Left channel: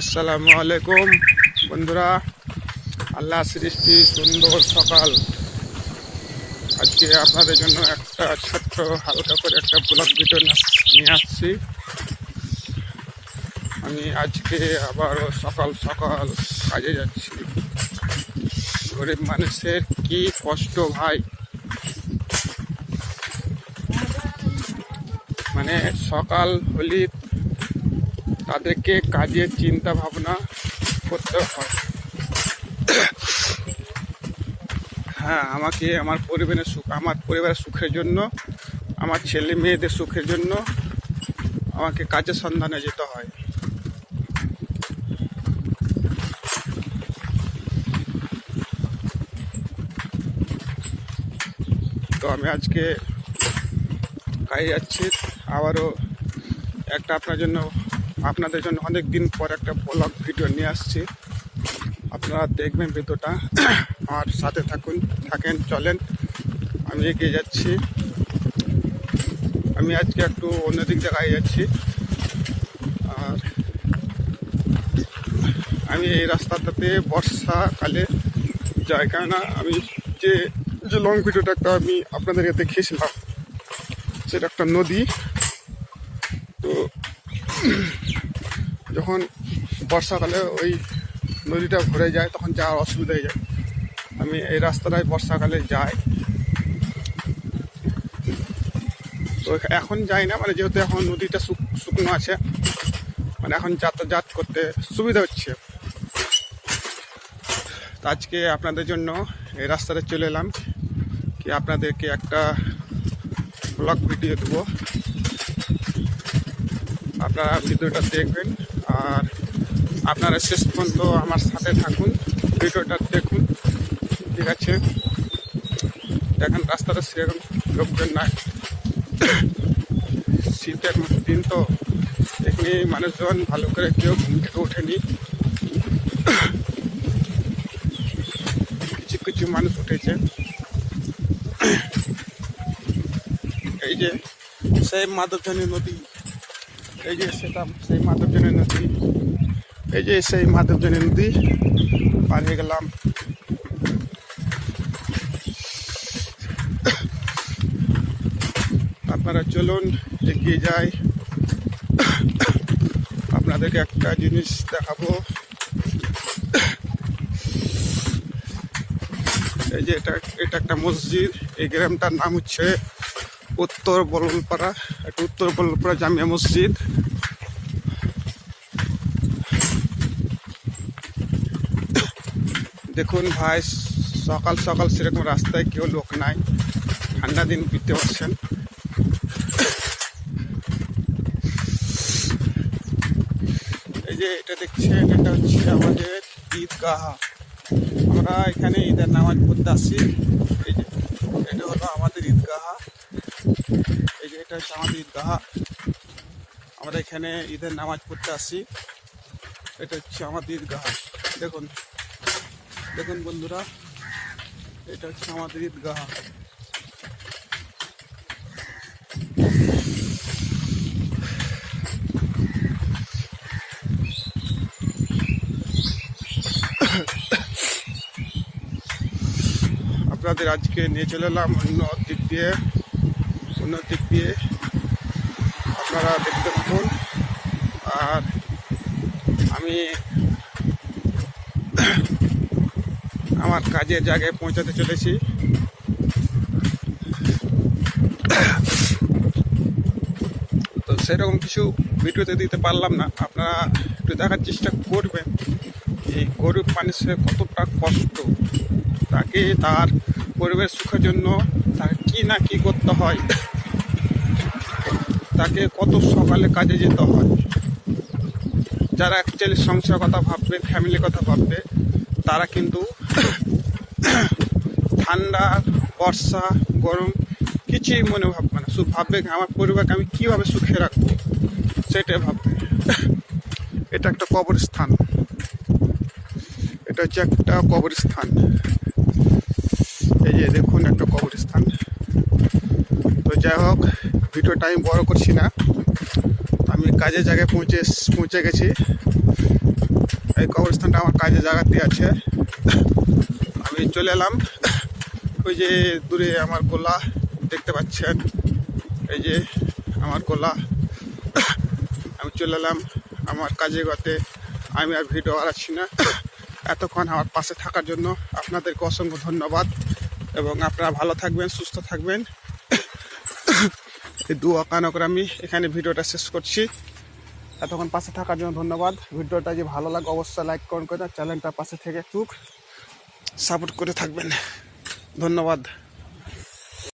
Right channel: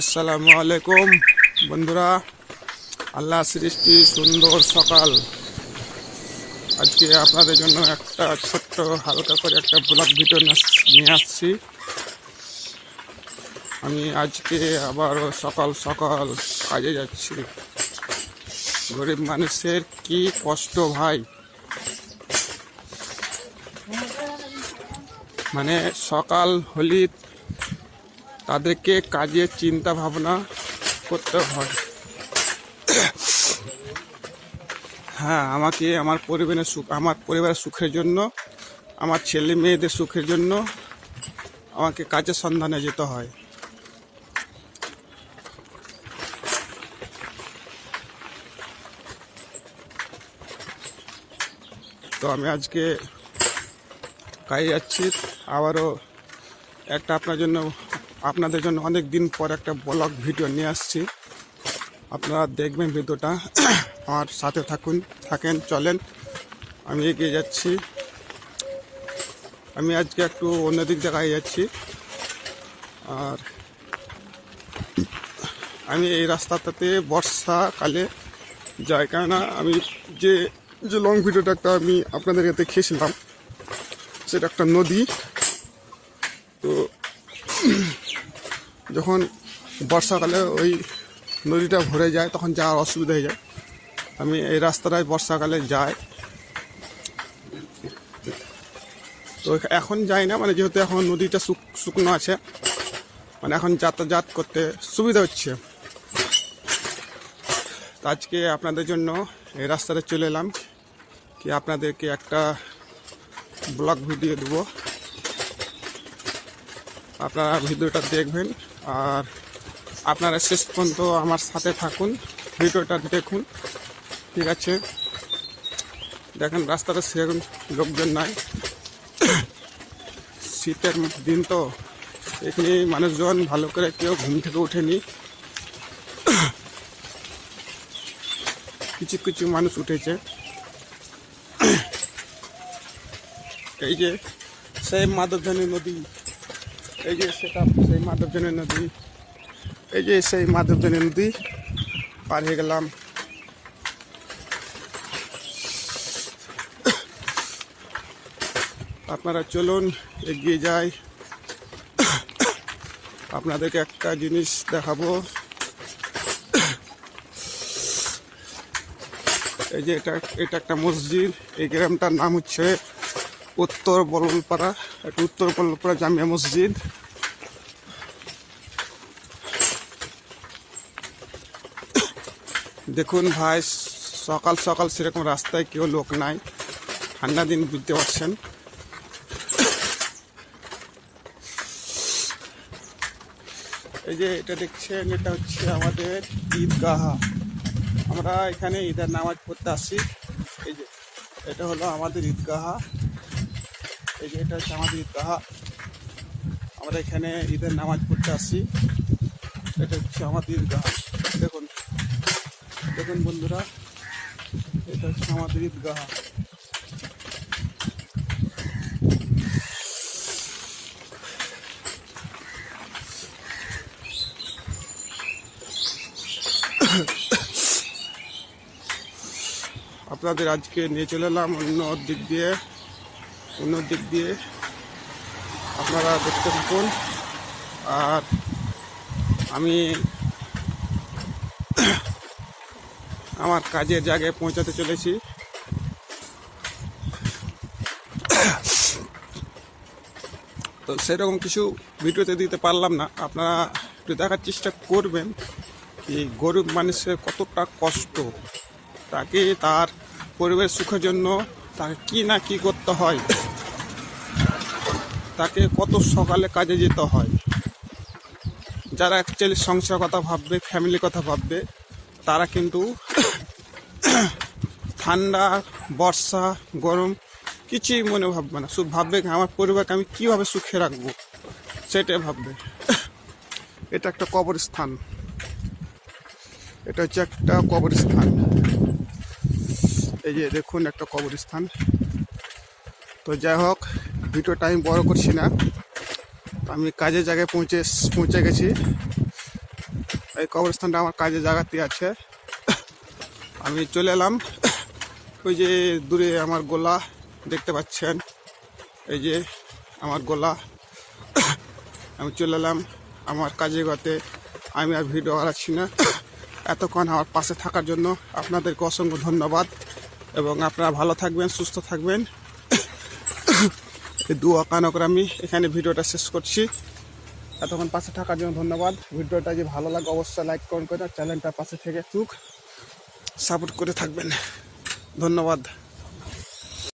আসসালামু আলাইকুম। বন্ধুরা, আল্লাহ সৃষ্টি, সুন্দর সকাল। আজকে আপনাদের জন্য একটা ছোট্ট, হালকা করে একটা ব্লগ ভিডিও নিয়ে আসছি। আমি আজকে আবারও সকাল সকাল কাজে যাচ্ছি। গরিব মানুষের কি কষ্ট ভাই? মানে সকাল, হলি তাদেরকে কাজের চিন্তা ভাবনা করতে হয়। হ্যাঁ আমাকে আমার পরিবারের সুখ আমার পরিবারের সুখের জন্য, আমার ছেলে মেয়েদের সুখের জন্য আমাকে কাজের সন্ধানে যেতে হয়। তো আমি আজকে কাজে যাচ্ছি। আবারও একটা আপনার জন্য আপনাদের জন্য অনেক দিন পর একটা ব্লগ ভিডিও নিয়ে আসছি। আপনারা দেখবেন ভিডিওটা। আমার সাথে থাকুন, থাকেন, চলেন। আমি এগিয়ে যাচ্ছি। আমি আজকে একটু অন্যদিক জায়গায় যাচ্ছি। আর আমি এই রাস্তাটাতে বর্ষাকালে যাই কেননা আমি যে যে লং ভিডিওটা একটা আমি আপনাদেরকে দেখিয়েছিলাম, সেটা একটা নদী। তো যখন বর্ষাকালে ওই নদীটা ভরে যায়, তখন যাওয়ার অসুবিধা হয়ে যায়। আমি এই রাস্তাটায় বর্ষাকালে যাই। তো এখন যাই না মানে যেহেতু এখন নদীটা শুক- শুকনো আছে মানে এখন যাতায়াত করতে সুবিধা হচ্ছে। তো আজকে আপনাদের জন্য এই রাস্তাতে চলে এলাম। কি আপনাদেরকে একটা ব্লগ ভিডিও দেবো। আপনারা ভিডিওটা দেখবেন। আর আপনারা শেষ পর্যন্ত আমার সাথে থাকুন, ভিডিওটা দেখুন, ঠিক আছে? দেখেন রাস্তাটা সেরকম লোকজন নাই। শীতের দিন তো এখানে মানুষজন ভালো করে কেউ ঘুম থেকে ওঠেনি। কিছু কিছু মানুষ উঠেছে। এই যে সেই মাধবধানী নদী এই যে সেটা সেই মাধবজনী নদী, এই যে সেই মাধবজনী নদী পার হয়ে গেলাম। আপনারা চলুন, এগিয়ে যাই। আপনাদেরকে একটা জিনিস দেখাবো। এই যে এটা এটা একটা মসজিদ, এই গ্রামটার নাম হচ্ছে উত্তর বলপাড়া একটা উত্তর বলপাড়া জামিয়া মসজিদ। দেখুন ভাই, সকাল সকাল সেরকম রাস্তায় কেউ লোক নাই। ঠান্ডা দিন বুঝতে পারছেন। এই যে এটা দেখছেন, এটা হচ্ছে আমাদের ঈদগাহ। আমরা এখানে ঈদের নামাজ পড়তে আসি। এই যে, এটা হলো আমাদের ঈদগাহ। এই যে এটা হচ্ছে আমাদের ঈদগাহ। আমরা এখানে ঈদের নামাজ পড়তে আসি এটা হচ্ছে আমাদের ঈদগাহ। দেখুন দেখুন বন্ধুরা, এটা হচ্ছে আমাদের ঈদগাহ। আপনাদের আজকে নিয়ে চলে এলাম অন্য দিক দিয়ে। অন্য দিক দিয়ে আপনারা দেখতে থাকুন। আর আমি আমার কাজের জায়গায় পৌঁছাতে চলেছি। তো সেরকম কিছু ভিডিওতে দিতে পারলাম না। আপনারা একটু দেখার চেষ্টা করবেন যে গরিব মানুষের কতটা কষ্ট, তাকে তার পরিবেশ সুখের জন্য তাকে কী না কী করতে হয়। তাকে কত সকালে কাজে যেতে হয়। যারা অ্যাকচুয়ালি সংসার কথা ভাববে ফ্যামিলির কথা ভাববে, তারা কিন্তু ঠান্ডা, বর্ষা, গরম কিছুই মনে ভাববে না। শুধু ভাববে আমার পরিবারকে আমি কীভাবে সুখে রাখব? সেটাই ভাববে। এটা একটা কবরস্থান। এটা হচ্ছে একটা কবরস্থান। এই যে দেখুন একটা কবরস্থান। তো যাই হোক ভিডিওটা আমি বড় করছি না। আমি কাজের জায়গায় পৌঁছে পৌঁছে গেছি। এই কবরস্থানটা আমার কাজের জায়গাতে আছে। আমি চলে এলাম। ওই যে দূরে আমার গোলা দেখতে পাচ্ছেন। এই যে আমার গোলা। আমি চলে এলাম আমার কাজে গতে আমি আর ভিডিও বাড়াচ্ছি না। এতক্ষণ আমার পাশে থাকার জন্য আপনাদেরকে অসংখ্য ধন্যবাদ। এবং আপনারা ভালো থাকবেন, সুস্থ থাকবেন। এই দু আকানো করে আমি এখানে ভিডিওটা শেষ করছি। এতক্ষণ পাশে থাকার জন্য ধন্যবাদ। ভিডিওটা যে ভালো লাগে, অবশ্যই লাইক করুন করে চ্যানেলটা পাশে থেকে চুক সাপোর্ট করে থাকবেন। ধন্যবাদ।